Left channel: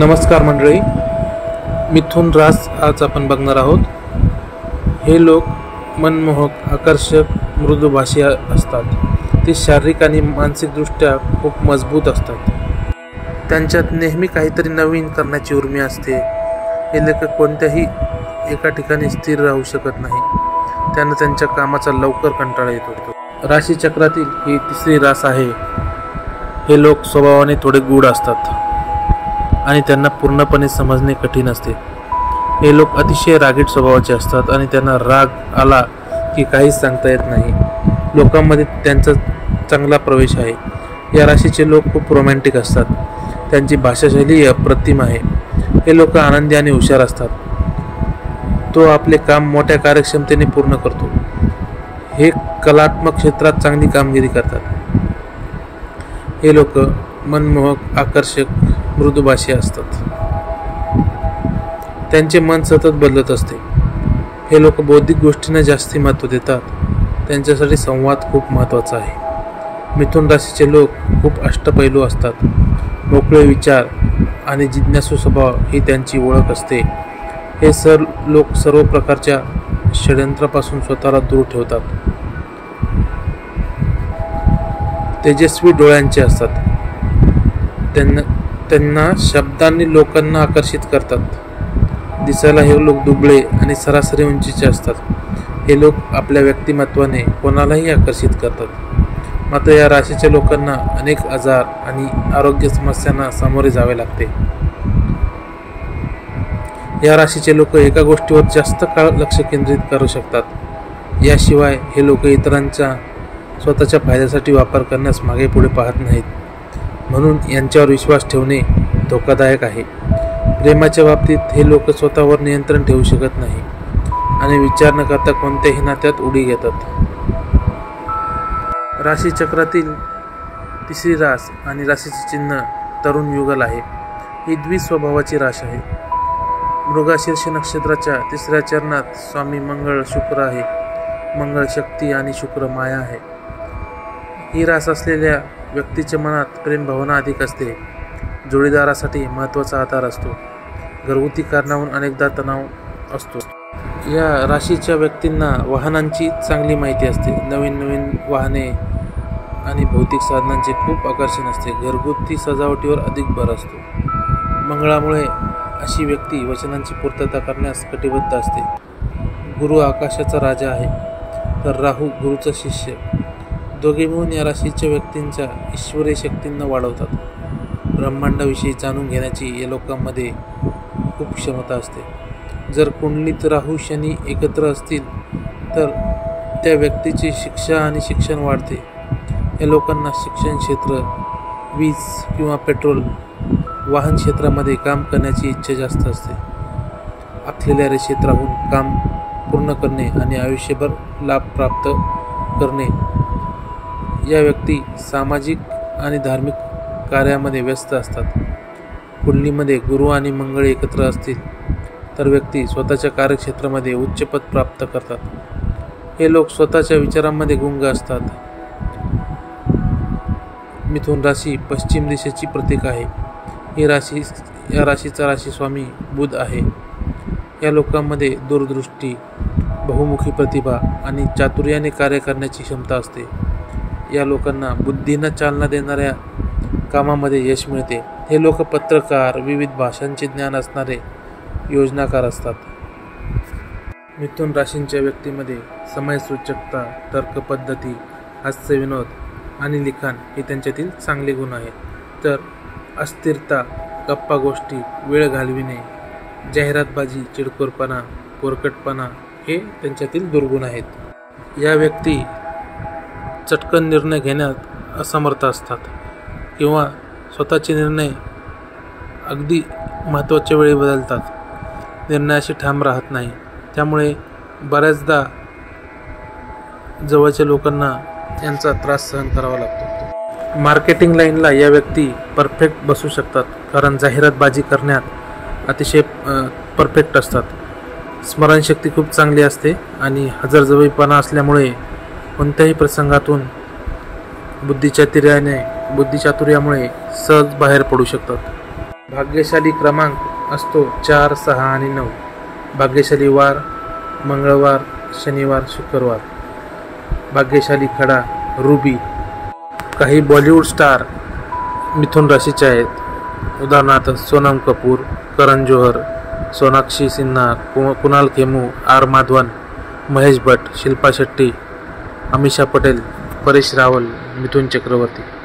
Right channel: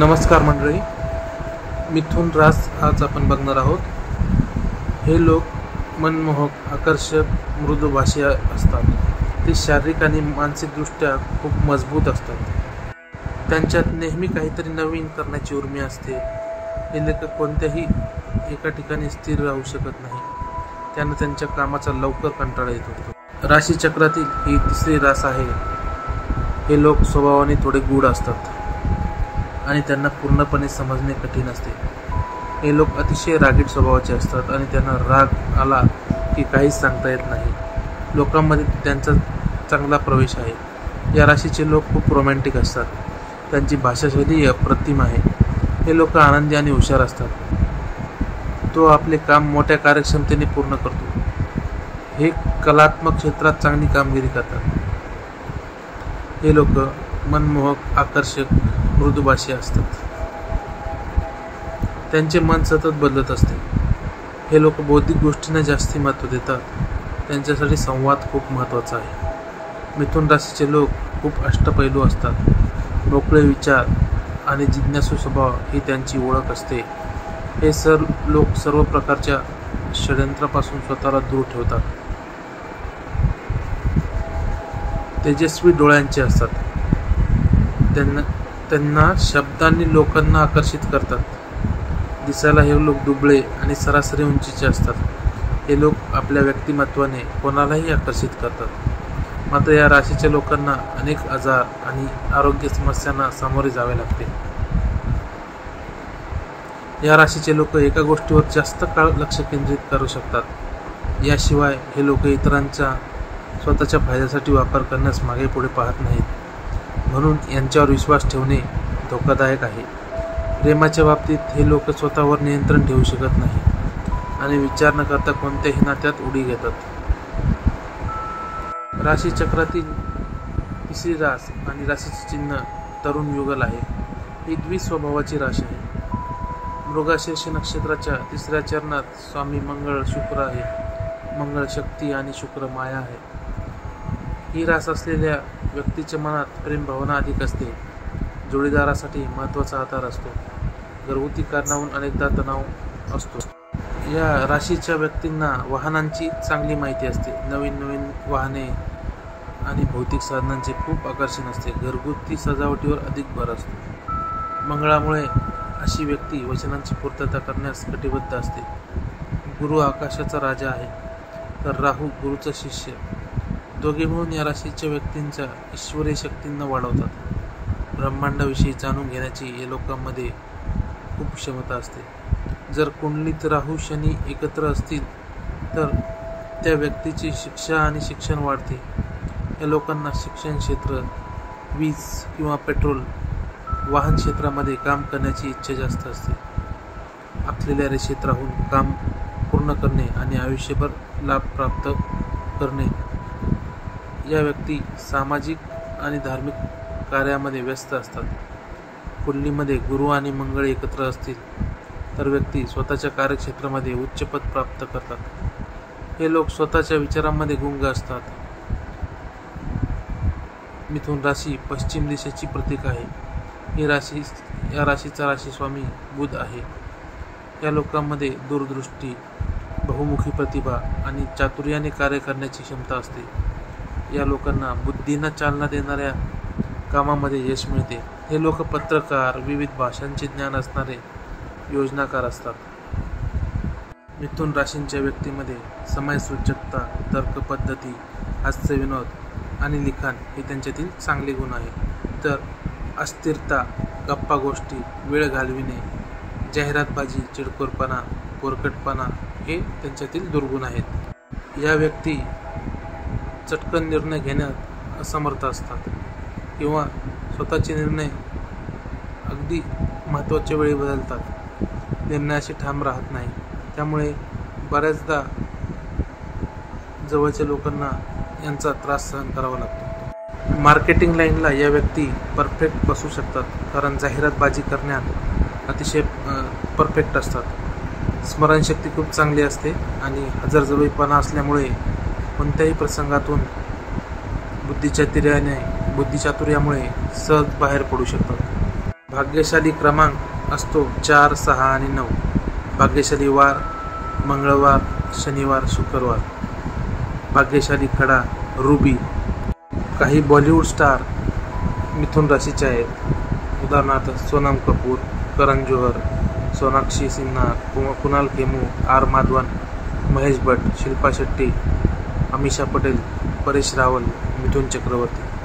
नमस्कार मंडळी, मिथुन रास आज आपण बघणार आहोत। हे लोक मनमोहक, आकर्षक, मृदुभाषी असतात। ते शारीरिक आणि मानसिकदृष्ट्या खूप मजबूत असतात। त्यांच्यात नेहमी काहीतरी नवीन करण्याची उर्मी असते। हे लोक कोणत्याही एका ठिकाणी स्थिर राहू शकत नाही। त्यांना त्यांच्या कामाचा लवकर कंटाळा येतो। राशीचक्रातील ही तिसरी रास आहे। हे लोक स्वभावाने थोडे गूढ असतात आणि त्यांना पूर्णपणे समजणे कठीण असते। हे लोक अतिशय रागीट स्वभावाचे असतात आणि त्यांना राग आला की काहीच सांगता येत नाही। लोकांमध्ये त्यांचा चांगला प्रवेश आहे। या राशीचे लोक खूप रोमॅन्टिक असतात। त्यांची भाषाशैली अप्रतिम आहे। हे लोक आनंदी आणि हुशार असतात। तो आपले काम मोठ्या कार्यक्षमतेने पूर्ण करतो। हे कलात्मक क्षेत्रात चांगली कामगिरी करतात। हे लोक मनमोहक, आकर्षक, मृदुभाषी असतात। त्यांचे मन सतत बदलत असते। हे लोक बौद्धिक गोष्टींना जास्ती महत्त्व देतात। त्यांच्यासाठी संवाद खूप महत्त्वाचा आहे। मिथुन राशीचे लोक खूप अष्टपैलू असतात। मोकळे विचार आणि जिज्ञासू स्वभाव ही त्यांची ओळख असते। हे लोक सर्व प्रकारच्या षड्यंत्रापासून स्वतःला दूर ठेवतात। तेजस्वी डोळ्यांचे असतात। त्यांना शब्दांनी लोकांना आकर्षित करतात। दिसायला हे लोक दुबळे आणि सरासरी उंचीचे असतात। हे लोक आपल्या व्यक्तिमत्वाने कोणालाही आकर्षित करतात। मात्र या राशीच्या लोकांना अनेक आजार आणि आरोग्य समस्यांना सामोरे जावे लागते। या राशीचे लोक एका गोष्टीवर जास्त काळ लक्ष केंद्रित करू शकतात। याशिवाय हे लोक इतरांचा स्वतःच्या फायद्यासाठी वापर करण्यास मागे पुढे पाहत नाहीत। म्हणून यांच्यावर विश्वास ठेवणे धोकादायक आहे। प्रेमाच्या बाबतीत हे लोक स्वतःवर नियंत्रण ठेवू शकत नाही आणि विचार न करता कोणत्याही नात्यात उडी घेतात। राशीचक्रातील तिसरी रास आणि राशीचे चिन्ह तरुण युगल आहे। ही द्विस्वभावाची रास आहे। मृगशीर्ष नक्षत्राच्या तिसऱ्या चरणात स्वामी मंगळ शुक्र आहे। मंगळ शक्ती आणि शुक्र माया आहे। ही रास असलेल्या व्यक्तीच्या मनात प्रेम भावना अधिक असते। जोडीदारासाठी महत्त्वाचा आधार असतो। घरगुती कारणावरून अनेकदा तणाव असतो। या राशीच्या व्यक्तींना वाहनांची चांगली माहिती असते। नवीन वाहने आणि भौतिक साधनांचे खूप आकर्षण असते। घरगुती सजावटीवर अधिक भर असतो। मंगळामुळे अशी व्यक्ती वचनांची पूर्तता करण्यास कटिबद्ध असते। गुरु आकाशाचा राजा आहे, तर राहू गुरुचा शिष्य। दोघे मिळून या राशीच्या व्यक्तींच्या ईश्वरीय शक्तींना वाढवतात। ब्रह्मांडाविषयी जाणून घेण्याची या लोकांमध्ये खूप क्षमता असते। जर कुंडलीत राहू शनी एकत्र असतील तर त्या व्यक्तीची शिक्षा आणि शिक्षण वाढते। या लोकांना शिक्षण क्षेत्र, वीज किंवा पेट्रोल, वाहन क्षेत्रामध्ये काम करण्याची इच्छा जास्त असते। आखलेल्या रेषेत राहून काम पूर्ण करणे आणि आयुष्यभर लाभ प्राप्त करणे। या व्यक्ती सामाजिक आणि धार्मिक कार्यामध्ये व्यस्त असतात। कुंडलीमध्ये गुरु आणि मंगळ एकत्र असतील तर व्यक्ती स्वतःच्या कार्यक्षेत्रामध्ये उच्च पद प्राप्त करतात। हे लोक स्वतःच्या विचारांमध्ये गुंग असतात। मिथुन राशी पश्चिम दिशेची प्रतीक आहे। या राशीचा राशी स्वामी बुध आहे। या लोकांमध्ये दूरदृष्टी, बहुमुखी प्रतिभा आणि चातुर्याने कार्य करण्याची क्षमता असते। या लोकांना बुद्धीनं चालना देणाऱ्या कामामध्ये यश मिळते। हे लोक पत्रकार, विविध भाषांचे ज्ञान असणारे योजनाकार असतात। मिथुन राशींच्या व्यक्तीमध्ये समयसूचकता, तर्कपद्धती, हास्यविनोद आणि लिखाण हे त्यांच्यातील चांगले गुण आहेत। तर अस्थिरता, गप्पा गोष्टी, वेळ घालविणे, जाहिरातबाजी, चिडखोरपणा, पोरकटपणा हे त्यांच्यातील दुर्गुण आहेत। या व्यक्ती चटकन निर्णय घेण्यात असमर्थ असतात किंवा स्वतःचे निर्णय अगदी महत्त्वाच्या वेळी बदलतात। निर्णयाशी ठाम राहत नाही। त्यामुळे बऱ्याचदा जवळच्या लोकांना यांचा त्रास सहन करावा लागतो। मार्केटिंग लाईनला या व्यक्ती परफेक्ट बसू शकतात, कारण जाहिरातबाजी करण्यात अतिशय परफेक्ट असतात। स्मरणशक्ती खूप चांगली असते आणि हजरजबाबीपणा असल्यामुळे कोणत्याही प्रसंगातून बुद्धिचातुर्यामुळे सहज बाहेर पडू शकतात। भाग्यशाली क्रमांक असतो 4, 6 आणि 9. भाग्यशाली वार मंगळवार, शनिवार, शुक्रवार. भाग्यशाली खडा रुबी. काही बॉलिवूड स्टार मिथुन राशीचे आहेत. उदाहरणार्थ सोनम कपूर, करण जोहर, सोनाक्षी सिन्हा, कुणाल खेमू, आर माधवन, महेश भट्ट, शिल्पा शेट्टी, अमीषा पटेल, परेश रावल, मिथुन चक्रवर्ती.